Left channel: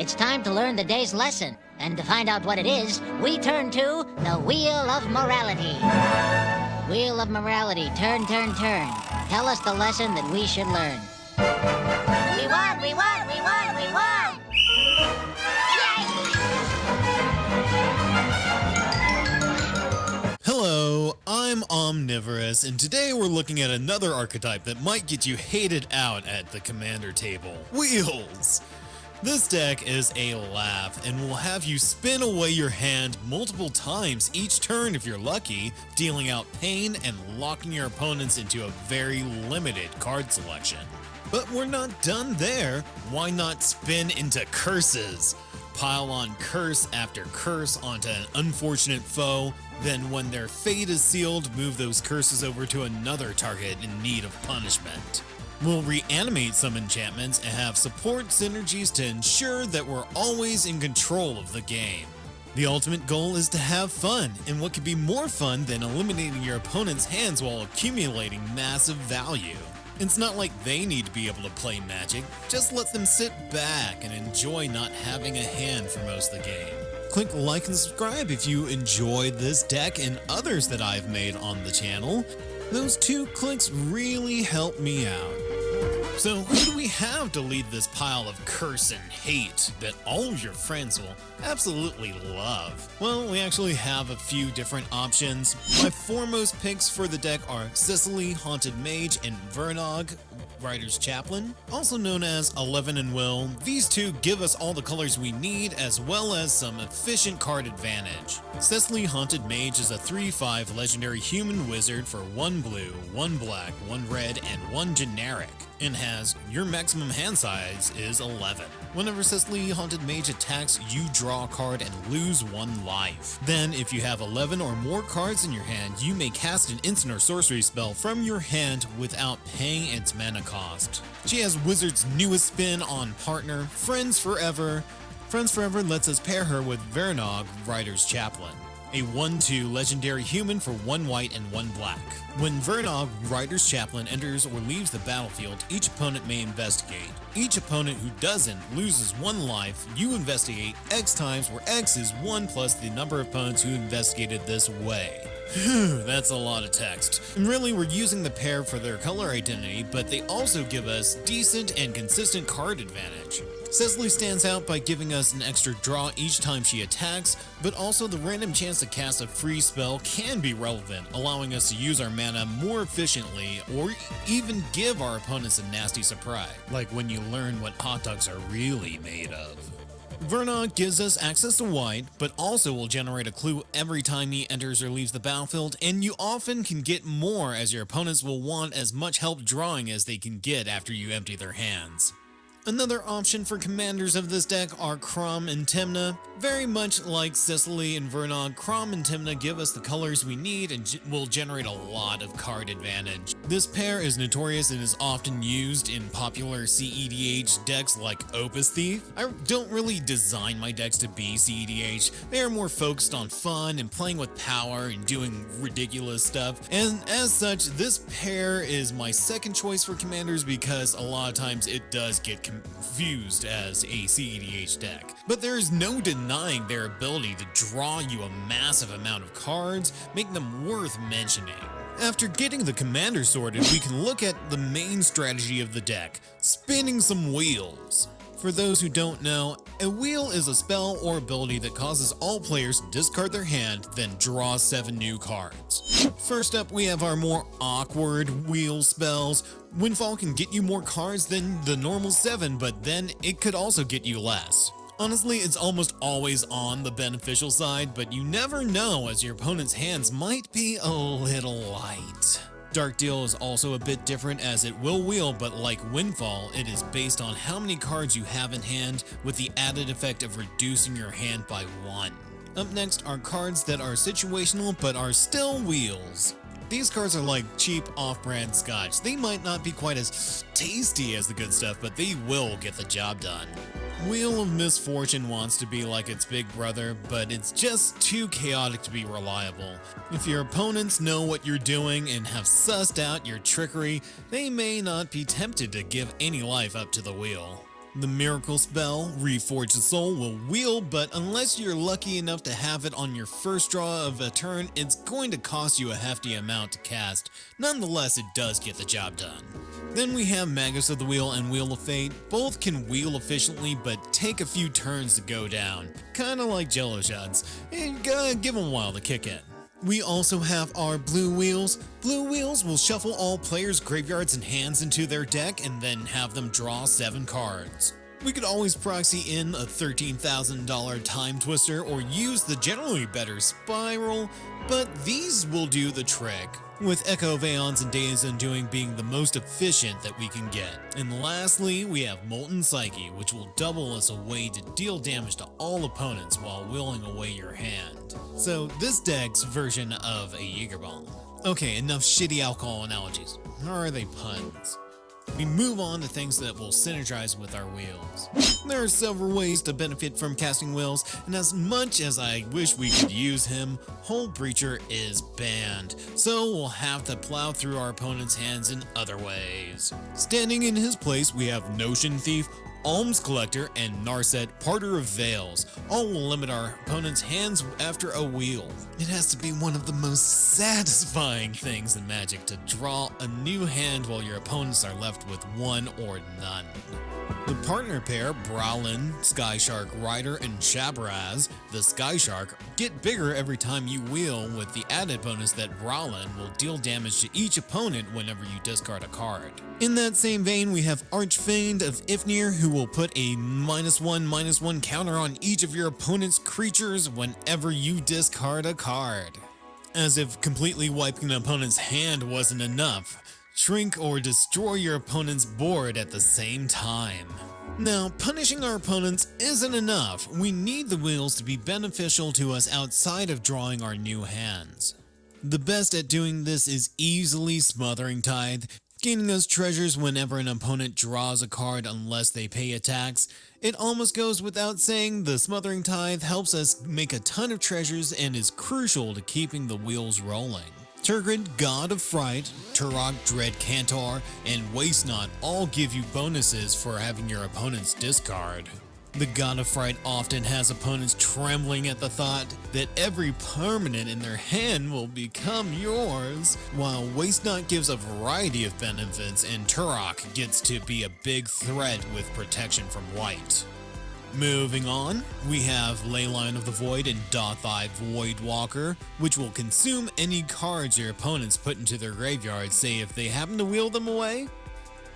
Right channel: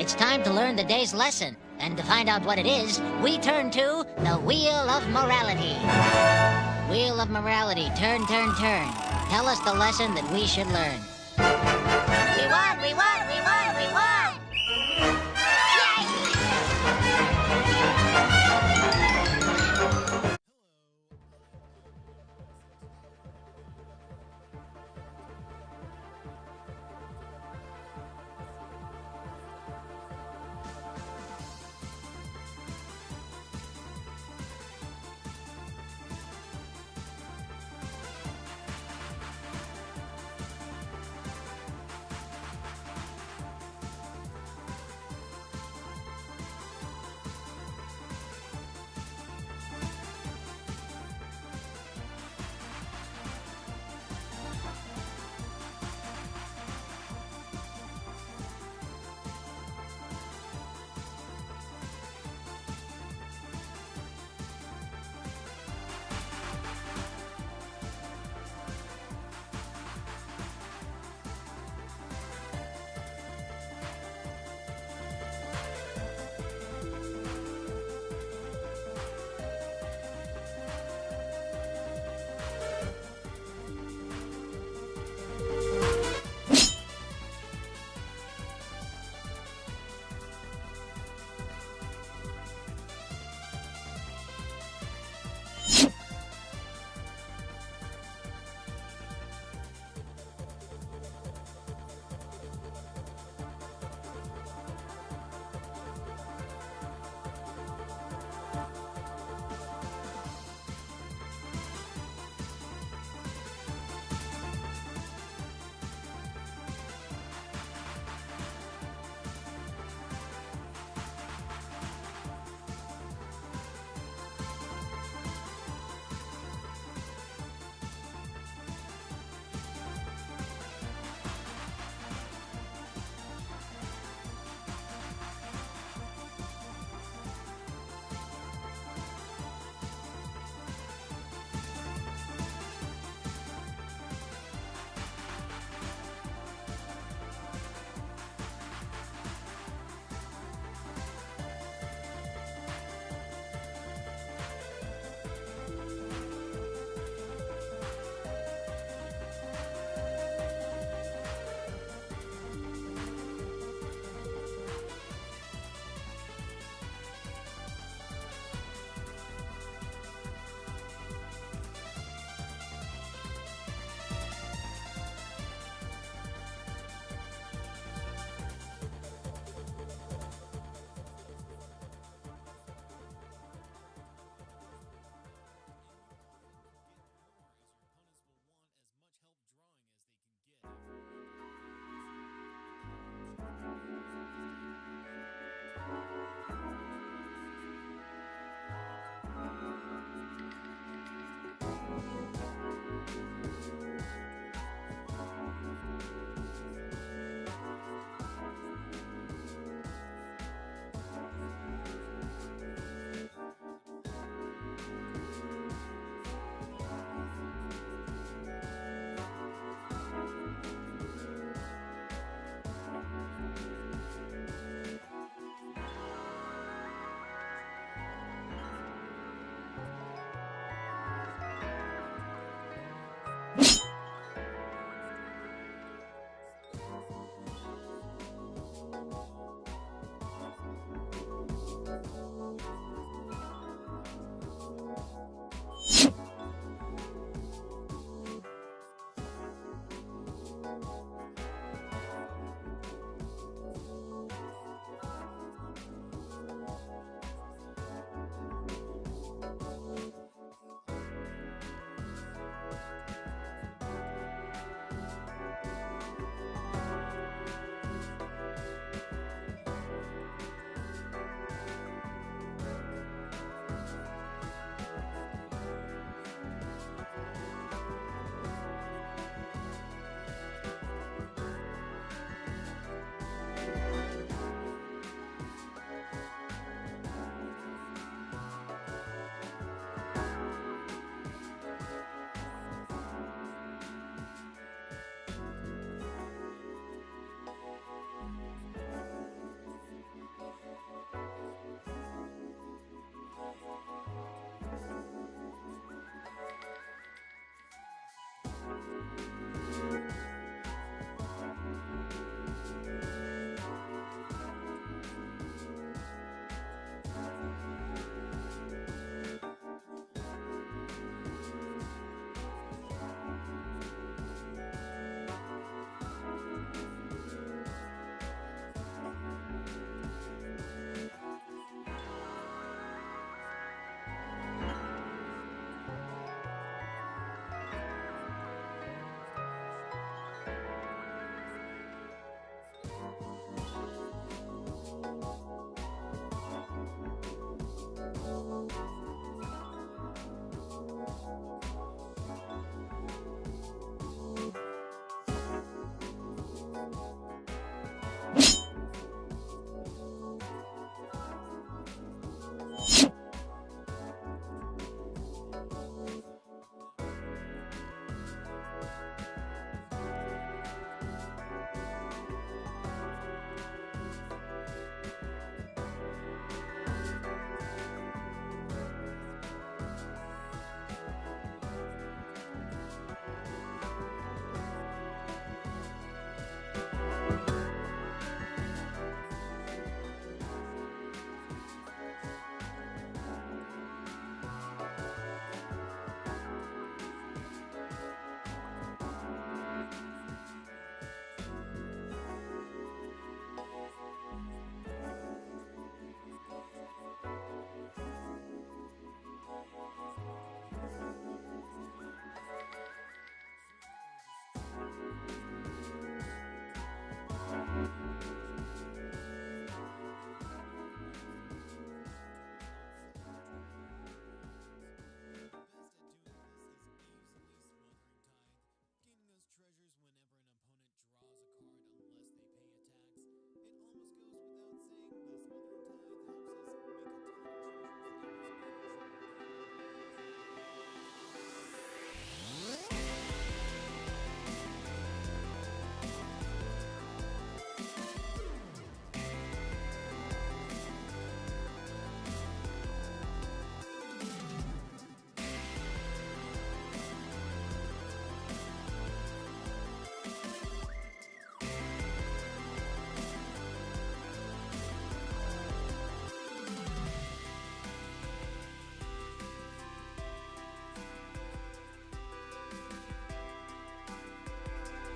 it's time to learn the day's lesson. And to find out what it is, we turn to the Wheel of Morality. Wheel of Morality, turn, turn, turn. Tell us the lesson that we should learn. We won, we won, we won, we won! Hello, I'm Omnivorous, and today we're looking at another archetype that might get you hated out at the commander table. Wheels! This deck is a laugh and will have you spin away your hand multiple times each turn if you're lucky, dealing out pain and locking your opponents into a very limited card selection. But we're not done there. Why not spin into curses? Pile on curse after curse onto an unfortunate foe, then when their fate is sealed, move those curses over to another target in need of punishment. We'll reanimate some enchantments and have support synergies to ensure that we're always in control of the game. The ultimate goal is to have fun, and what could be more fun than eliminating your opponent's hands while accumulating massive value? It's not like they need to be able to play Magic, just let them sit back and enjoy not having a hand for most of the game. Click like and subscribe if you enjoyed this deck and others that I've made on the channel. Those 2 clicks really help me out. So who do we have to lead this pile of curse and hate that all of your friends will absolutely love? Well, we actually have a few different options. My foremost picks for the deck are Cecily, Haunted Mage, and Vernog, Writer's Chaplain, also known as 11 and Will. These 2 give us all the colors we need as well as some efficient card advantage. Cecily Haunted Mage is a 3/5 legendary human wizard for 1 blue, 1 black, 1 red, and 1 generic, and has your maximum hand size is 11. Whenever Cecily Haunted Mage attacks, you draw a card and lose 1 life. Then, if you have 11 or more cards in your hand, you may cast an instant or sorcery spell from your hand without paying its mana cost. She has Wizard's newest spin on partner, Friends Forever. Friends Forever lets us pair her with Vernog, Writer's Chaplain, a 1/2 legendary human for 1 white and 1 black. When Vernog, Writer's Chaplain, enters or leaves the battlefield, each opponent may investigate. Each opponent who doesn't loses 1 life. You investigate X times, where X is 1 plus the number of opponents who investigated this way. Phew, that's a lot of text. And really, we're using the pair for their color identity, but they also give us decent and consistent card advantage. Cecily stands out by giving us an extra draw each time she attacks, but also the random chance to cast a free spell can be relevant, allowing us to use our mana more efficiently or even give our opponents a nasty surprise, like when you learn what hot dogs are really made of. Vernog gives us access to white, but also will generate a clue every time he enters or leaves the battlefield, and you often can get more as your opponents will want as much help drawing as they can get after you empty their hands. Another option for commanders of this deck are Crom and Timna. Very much like Cecily and Vernog, Crom and Timna give us the colors we need and will generate a lot of card advantage. This pair is notorious and is often used in popular CEDH decks like Opus Thief. I don't really design my decks to be CEDH. They are more focused on fun and playing with power and doing ridiculous stuff. And as such, this pair is my second choice for commanders because a lot of times it does get confused as a CEDH deck. But there is no denying their ability to draw you a massive amount of cards, make them worth mentioning. After getting the commander sorted, we can look at the main strategy of the deck, spinning some wheels. For those who don't know, a wheel is a spell or ability that causes all players to discard their hand, then draw 7 new cards. First up, we have our more awkward wheel spells. Windfall can get you more cards than the normal 7, but then it could also get you less. Honestly, it's almost always on the beneficial side, but you never know as your opponent's hands might be a little light. Dark Deal is also a bit different as it will wheel, but like Windfall, it is based on how many cards you have in hand with the added effect of reducing your hand by 1. Up next are cards that are situational but are still wheels. These cards are like cheap off-brand scotch. They might not be quite as tasty as the good stuff, but they will get the job done. Wheel of Misfortune wants to be like its big brother, but it's just too chaotic to be reliable. If your opponents know what you're doing and have sussed out your trickery, they may not be tempted to give any life up to the wheel. The miracle spell, Reforge the Soul, will wheel, but unless you're lucky enough to have it on your first draw of a turn, it's going to cost you a hefty amount to cast. Nonetheless, it does get the job done. Then we have Magus of the Wheel and Wheel of Fate. Both can wheel efficiently, but take a few turns to go down. Kinda like Jello shots. Give them a while to kick in. We also have our blue wheels. Blue wheels will shuffle all players' graveyards and hands into their deck and then have them draw 7 cards. We could always proxy in a $13,000 Time Twister or use the generally better Spiral, but these will do the trick, with Echo of Aeons and Days Undoing being the most efficient that we can get. And lastly, we have Molten Psyche, which will double as a way to deal damage to all opponents while wheeling away your hand. So this deck's version of a Jägerbomb. Okay, enough shitty alcohol analogies. How are they puns? We move on to things that will synergize with our wheels. There are several ways to benefit from casting wheels, and as much as I wish we could use him, Hold Breacher is banned, so we'll have to plow through our opponent's hands in other ways. Standing in his place, we have Notion Thief, Alms Collector, and Narset, Parter of Veils. All will limit our opponent's hands after a wheel. It has to be one of the most satisfying things in Magic to draw a new hand while your opponents are left with one or none. The partner pair, Browlin, Skyshark Rider, and Shabraz, the Skyshark, get bigger every time you wheel, with the added bonus that Browlin will deal damage to each opponent whenever you discard a card. In that same vein, we have Archfiend of Ifnir, who will put a -1/-1 counter on each of your opponent's creatures whenever you discard a card. As if completely wiping an opponent's hand wasn't enough, shrink or destroy your opponent's board at the same time. Now, punishing our opponents isn't enough. We need the wheels to be beneficial to us outside of drawing our new hands. The best at doing this is easily Smothering Tithe, gaining us treasures whenever an opponent draws a card unless they pay a tax. It almost goes without saying, the Smothering Tithe helps us make a ton of treasures and is crucial to keeping the wheels rolling. Turgid, God of Fright, Turok, Dread Cantor, and Waste Not all give you bonuses for having your opponent's discard. The God of Fright often has opponents trembling at the thought that every permanent in their hand will become yours, while Waste Not gives a variety of benefits and Turok gets to be a big threat with protection from white. Moving on, we have Leyline of the Void and Dothai Voidwalker, which will consume any cards your opponents put into their graveyard, say if they happen to wheel them away.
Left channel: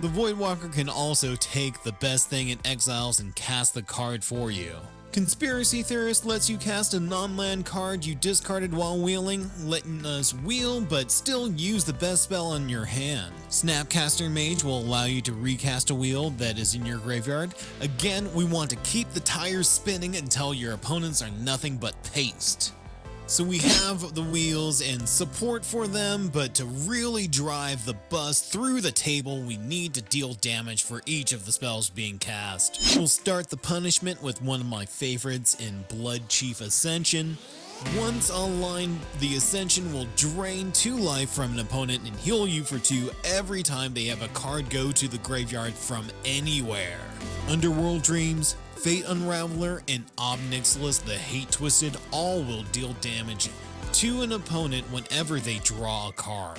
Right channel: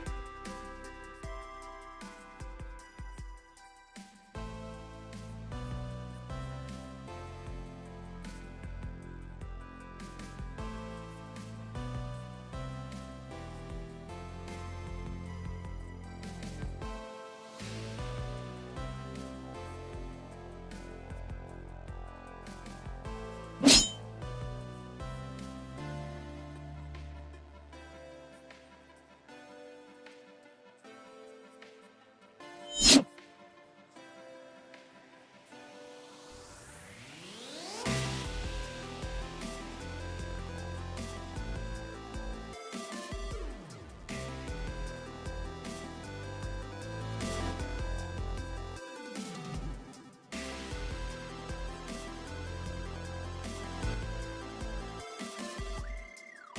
The Voidwalker can also take the best thing in Exiles and cast the card for you. Conspiracy Theorist lets you cast a non-land card you discarded while wheeling, letting us wheel but still use the best spell in your hand. Snapcaster Mage will allow you to recast a wheel that is in your graveyard. Again, we want to keep the tires spinning until your opponents are nothing but paste. So we have the wheels and support for them, but to really drive the bus through the table, we need to deal damage for each of the spells being cast. We'll start the punishment with one of my favorites in Blood Chief Ascension. Once online, the Ascension will drain 2 life from an opponent and heal you for 2 every time they have a card go to the graveyard from anywhere. Underworld Dreams, Fate Unraveler, and Ob Nixilis the Hate Twisted all will deal damage to an opponent whenever they draw a card,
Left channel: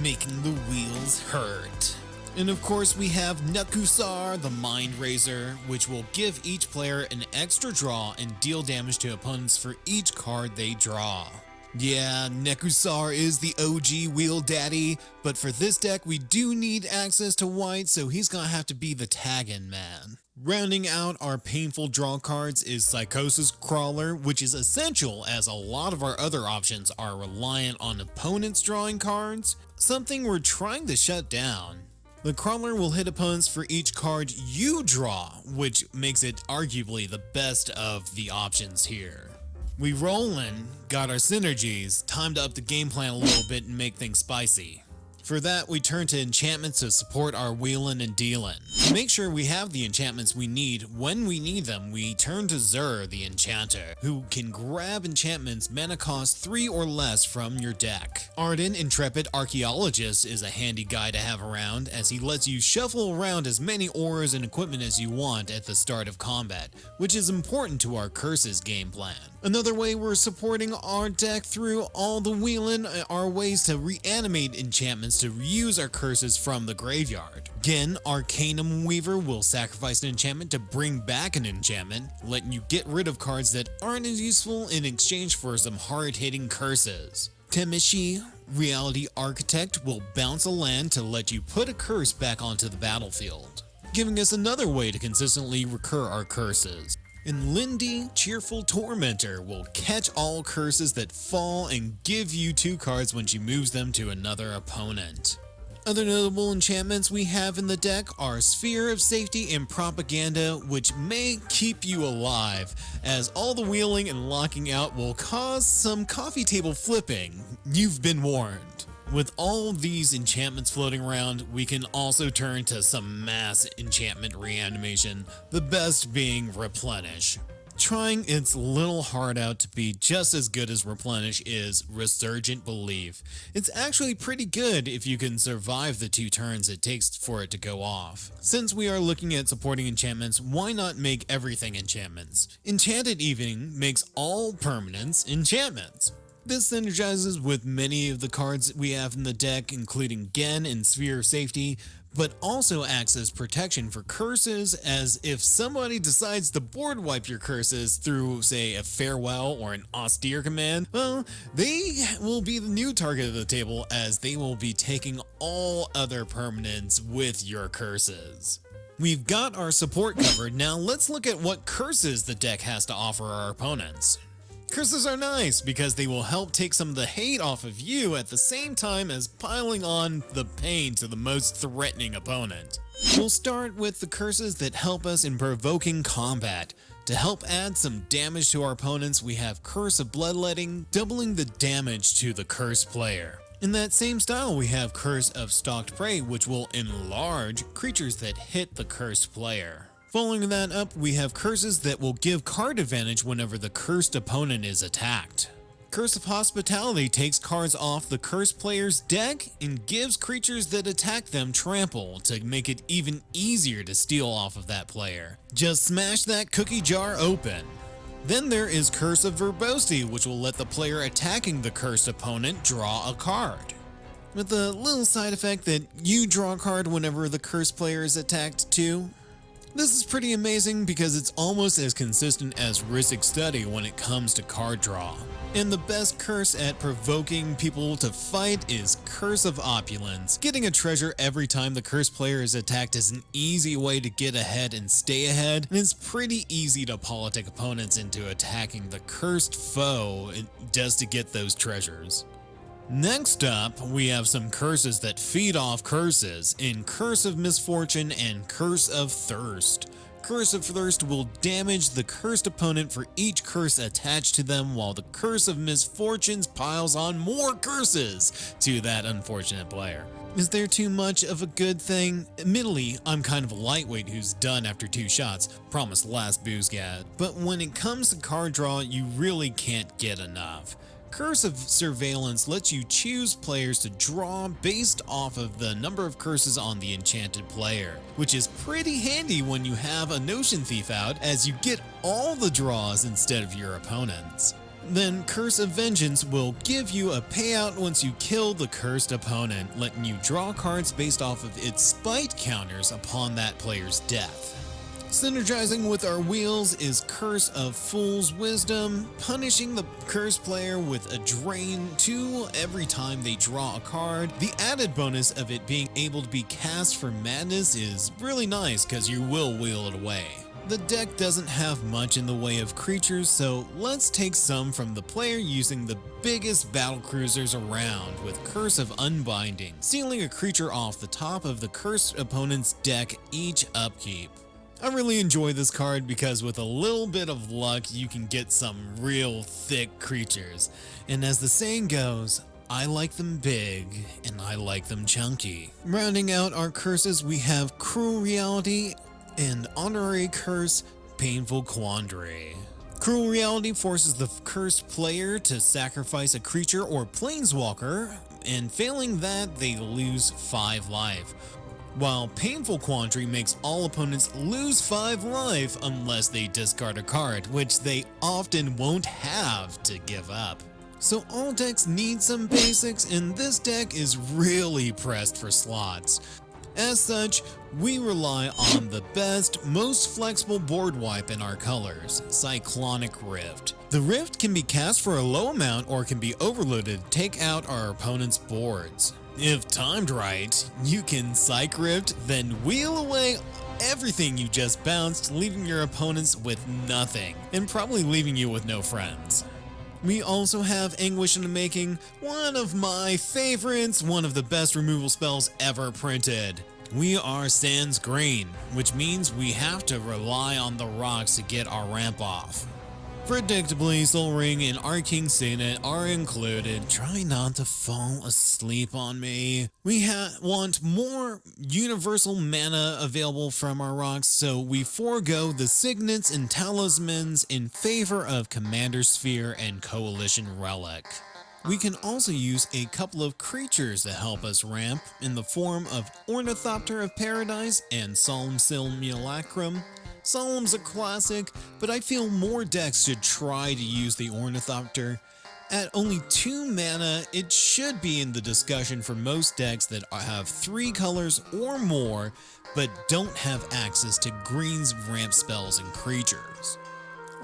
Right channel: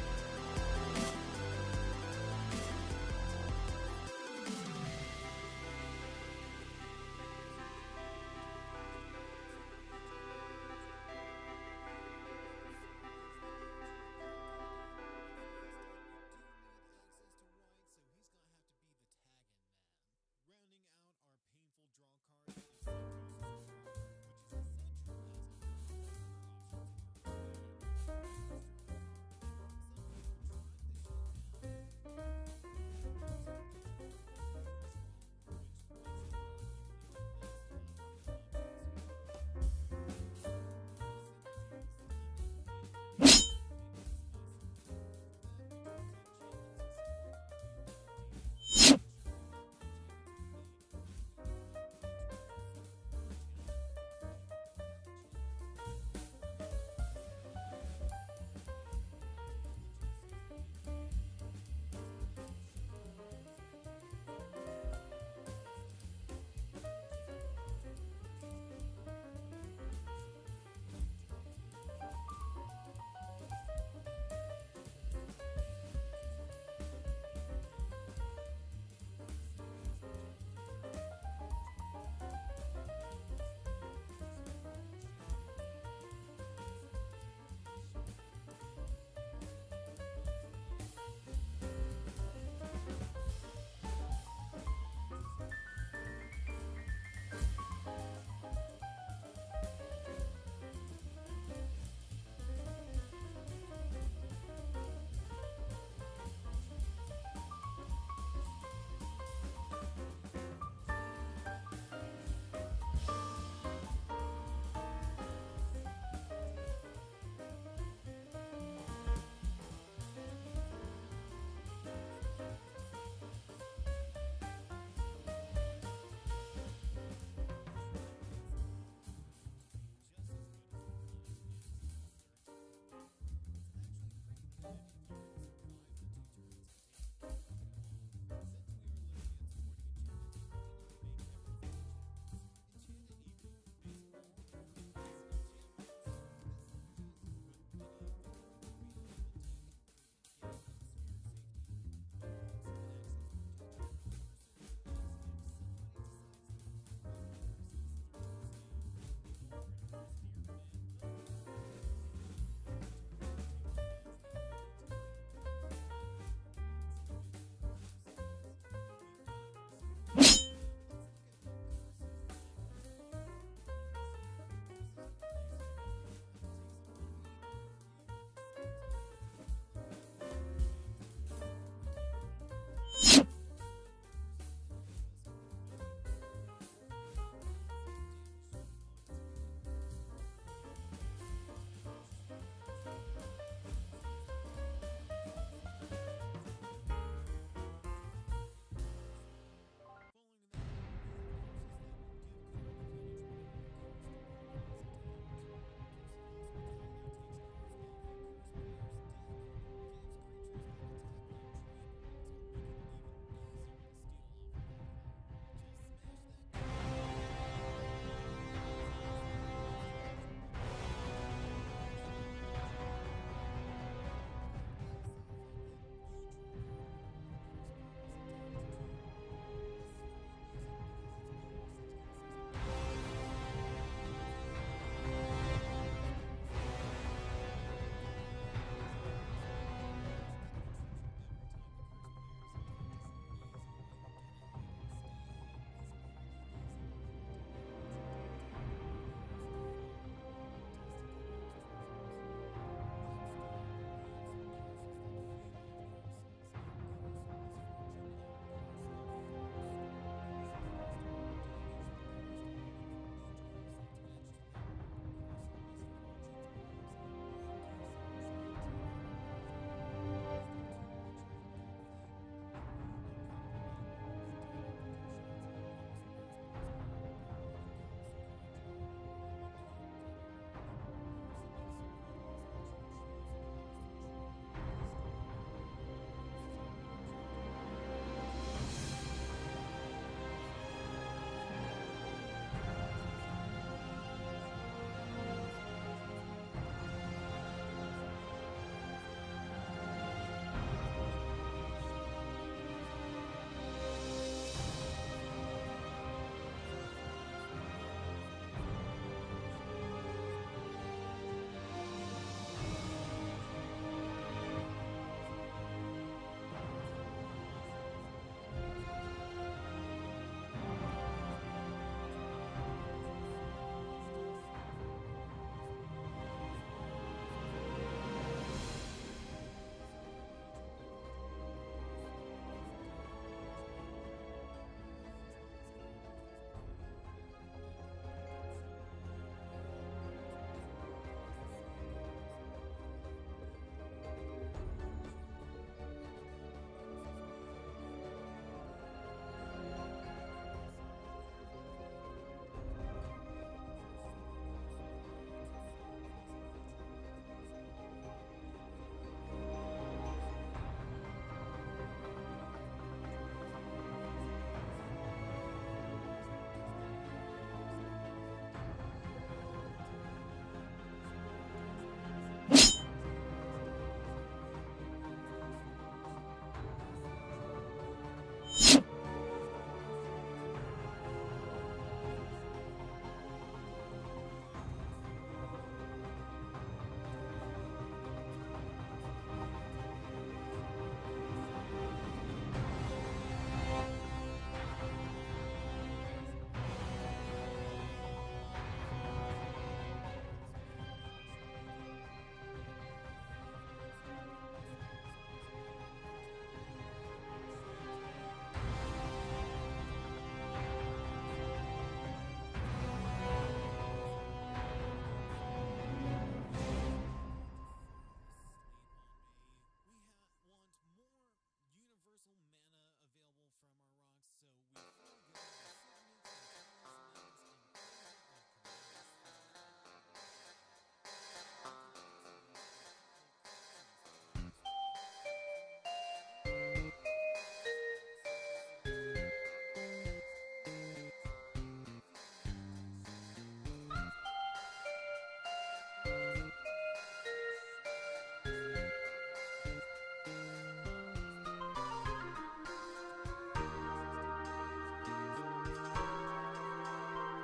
making the wheels hurt. And of course we have Nekusar the Mind Razor, which will give each player an extra draw and deal damage to opponents for each card they draw. Yeah, Nekusar is the OG wheel daddy, but for this deck we do need access to white, so he's gonna have to be the tag-in man. Rounding out our painful draw cards is Psychosis Crawler, which is essential as a lot of our other options are reliant on opponents drawing cards, something we're trying to shut down. The Crawler will hit opponents for each card you draw, which makes it arguably the best of the options here. We rollin', got our synergies, time to up the game plan a little bit and make things spicy. For that, we turn to enchantments to support our wheelin' and dealin'. To make sure we have the enchantments we need when we need them, we turn to Zur, the enchanter, who can grab enchantments mana cost 3 or less from your deck. Arden, Intrepid Archaeologist, is a handy guy to have around, as he lets you shuffle around as many auras and equipment as you want at the start of combat, which is important to our Curses game plan. Another way we're supporting our deck through all the wheelin' are ways to reanimate enchantments to reuse our curses from the graveyard. Again, Arcanum Weaver will sacrifice an enchantment to bring back an enchantment, letting you get rid of cards that aren't as useful in exchange for some hard-hitting curses. Temishi, Reality Architect, will bounce a land to let you put a curse back onto the battlefield, giving us another way to consistently recur our curses. And Lindy, Cheerful Tormentor, will catch all curses that fall and give you 2 cards when she moves them to another opponent. Other notable enchantments we have in the deck are Sphere of Safety and Propaganda, which may keep you alive, as all the wheeling and locking out will cause some coffee table flipping. You've been warned. With all of these enchantments floating around, we can also turn to some mass enchantment reanimation, the best being Replenish. Trying its little heart out to be just as good as Replenish is Resurgent Belief. It's actually pretty good if you can survive the 2 turns it takes for it to go off. Since we are looking at supporting enchantments, why not make everything enchantments? Enchanted Evening makes all permanents enchantments. This synergizes with many of the cards we have in the deck, including Gen and Sphere of Safety, but also acts as protection for curses, as if somebody decides to board wipe your curses through, say, a Farewell or an Austere command, well, they will be the new target of the table, as they will be taking all other permanents with your curses. We've got our support covered, now let's look at what curses the deck has to offer our opponents. Curses are nice because they will help take some of the hate off of you at the same time as piling on the pain to the most threatening opponent. We'll start with the curses that help us in provoking combat. To help add some damage to our opponents, we have Curse of Bloodletting, doubling the damage to the cursed player. In that same style, we have Curse of Stalked Prey, which will enlarge creatures that hit the cursed player. Following that up, we have curses that will give card advantage whenever the cursed opponent is attacked. Curse of Hospitality takes cards off the cursed player's deck and gives creatures that attack them trample to make it even easier to steal off of that player. Just smash that cookie jar open. Then there is Curse of Verbosity, which will let the player attacking the cursed opponent draw a card, with the little side effect that you draw a card whenever the cursed player is attacked too. This is pretty amazing because it's almost as consistent as Rhystic Study when it comes to card draw. And the best curse at provoking people to fight is Curse of Opulence. Getting a treasure every time the cursed player is attacked is an easy way to get ahead and stay ahead, and it's pretty easy to politic opponents into attacking the cursed foe just to get those treasures. Next up, we have some curses that feed off curses in Curse of Misfortune and Curse of Thirst. Curse of Thirst will damage the cursed opponent for each curse attached to them, while the Curse of Misfortunes piles on more curses to that unfortunate player. Is there too much of a good thing? Admittedly, I'm kind of a lightweight who's done after 2 shots, promised last boozgat, but when it comes to card draw, you really can't get enough. Curse of Surveillance lets you choose players to draw based off of the number of curses on the enchanted player, which is pretty handy when you have a Notion Thief out, as you get all the draws instead of your opponents. Then Curse of Vengeance will give you a payout once you kill the cursed opponent, letting you draw cards based off of its spite counters upon that player's death. Synergizing with our wheels is Curse of Fool's Wisdom, punishing the cursed player with a drain 2 every time they draw a card. The added bonus of it being able to be cast for madness is really nice because you will wheel it away. The deck doesn't have much in the way of creatures, so let's take some from the player using the biggest battle cruisers around with Curse of Unbinding, sealing a creature off the top of the cursed opponent's deck each upkeep. I really enjoy this card because with a little bit of luck you can get some real thick creatures, and as the saying goes, I like them big, and I like them chunky. Rounding out our curses, we have Cruel Reality and Honorary Curse, Painful Quandary. Cruel Reality forces the cursed player to sacrifice a creature or planeswalker, and failing that, they lose 5 life. While Painful Quandary makes all opponents lose 5 life unless they discard a card, which they often won't have to give up. So all decks need some basics, and this deck is really pressed for slots. As such, we rely on the best, most flexible board wipe in our colors, Cyclonic Rift. The Rift can be cast for a low amount or can be overloaded to take out our opponent's boards. If timed right, you can Psych Rift, then wheel away everything you just bounced, leaving your opponents with nothing, and probably leaving you with no friends. We also have Anguish in the Making, one of my favorites, one of the best removal spells ever printed. We are Sans Green, which means we have to rely on the rocks to get our ramp off. Predictably, Soul Ring and Arcane Signet are included. Try not to fall asleep on me. We want more universal mana available from our rocks, so we forego the Signets and Talismans in favor of Commander Sphere and Coalition Relic. We can also use a couple of creatures to help us ramp in the form of Ornithopter of Paradise and Solemn Simulacrum. Solemn's a classic, but I feel more decks should try to use the Ornithopter. At only 2 mana, it should be in the discussion for most decks that have 3 colors or more, but don't have access to green's ramp spells and creatures.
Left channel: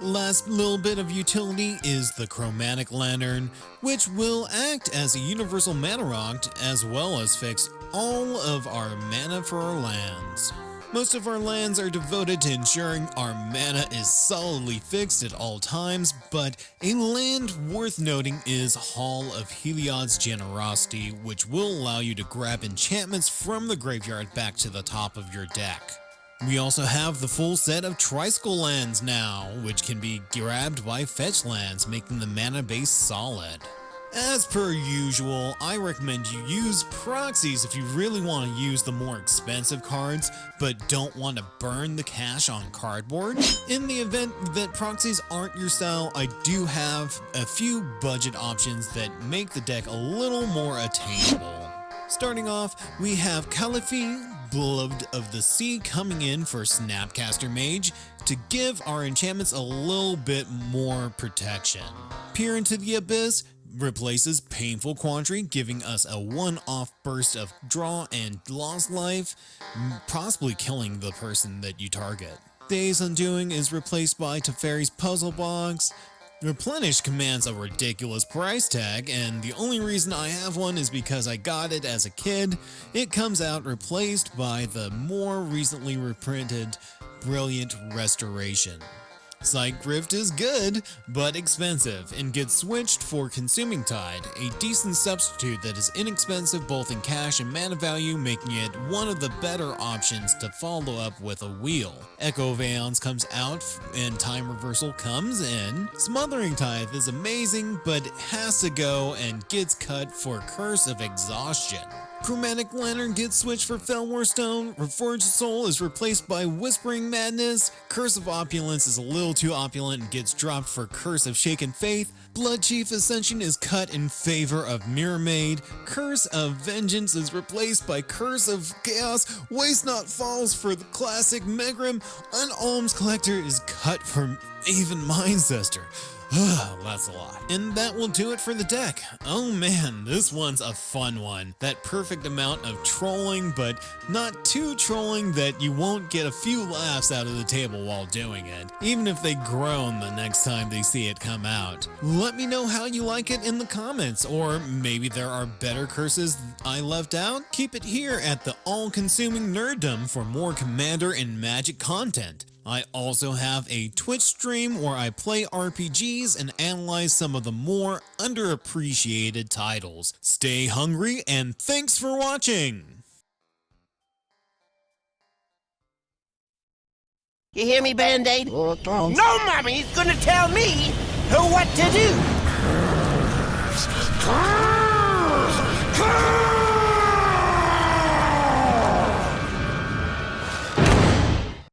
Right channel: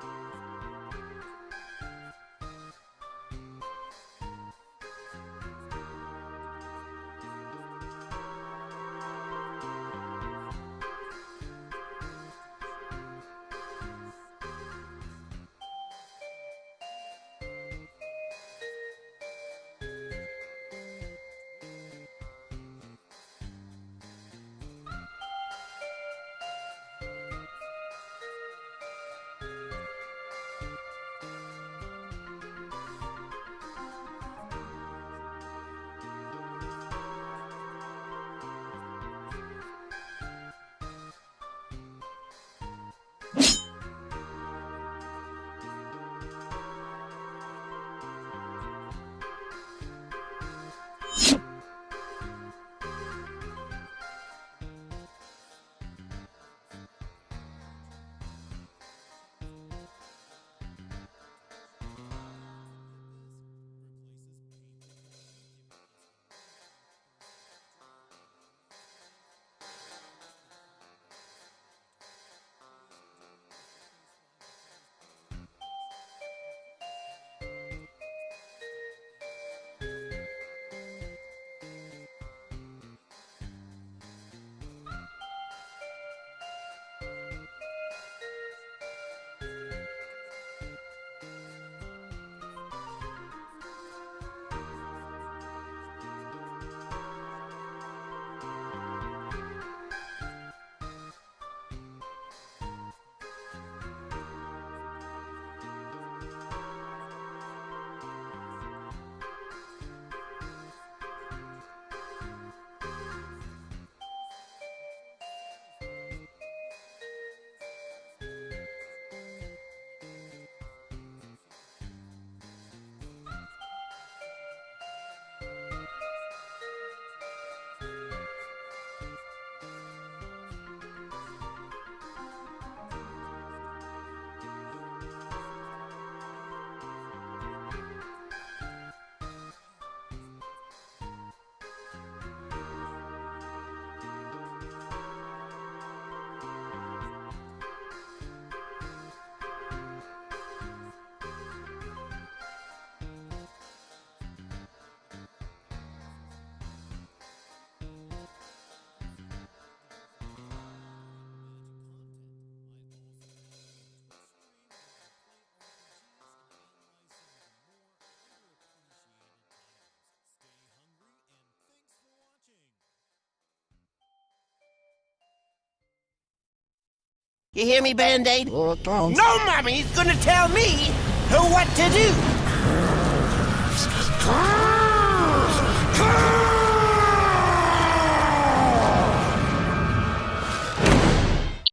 Last little bit of utility is the Chromatic Lantern, which will act as a universal mana rock as well as fix all of our mana for our lands. Most of our lands are devoted to ensuring our mana is solidly fixed at all times, but a land worth noting is Hall of Heliod's Generosity, which will allow you to grab enchantments from the graveyard back to the top of your deck. We also have the full set of Tricycle lands now, which can be grabbed by fetch lands, making the mana base solid. As per usual, I recommend you use proxies if you really want to use the more expensive cards, but don't want to burn the cash on cardboard. In the event that proxies aren't your style, I do have a few budget options that make the deck a little more attainable. Starting off, we have Caliphate, Beloved of the Sea, coming in for Snapcaster Mage to give our enchantments a little bit more protection. Peer into the Abyss replaces Painful Quandary, giving us a one-off burst of draw and lost life, possibly killing the person that you target. Days Undoing is replaced by Teferi's Puzzle Box. Replenish commands a ridiculous price tag, and the only reason I have one is because I got it as a kid. It comes out replaced by the more recently reprinted Brilliant Restoration. Psych Rift is good, but expensive, and gets switched for Consuming Tide, a decent substitute that is inexpensive both in cash and mana value, making it one of the better options to follow up with a wheel. Echo Veons comes out, and Time Reversal comes in. Smothering Tithe is amazing, but has to go and gets cut for Curse of Exhaustion. Chromatic Lantern gets switched for Felwar Stone, Reforged Soul is replaced by Whispering Madness, Curse of Opulence is a little too opulent and gets dropped for Curse of Shaken Faith, Blood Chief Ascension is cut in favor of Mirror Maid, Curse of Vengeance is replaced by Curse of Chaos, Waste Not Falls for the classic Megrim, Alms Collector is cut from Even Mindcester. That's a lot. And that will do it for the deck. Oh man, this one's a fun one. That perfect amount of trolling, but not too trolling that you won't get a few laughs out of the table while doing it, even if they groan the next time they see it come out. Let me know how you like it in the comments, or maybe there are better curses I left out? Keep it here at the All-Consuming Nerddom for more Commander and Magic content. I also have a Twitch stream where I play RPGs and analyze some of the more underappreciated titles. Stay hungry, and thanks for watching! You hear me, Band-Aid? No mommy's gonna tell me what to do! Huh?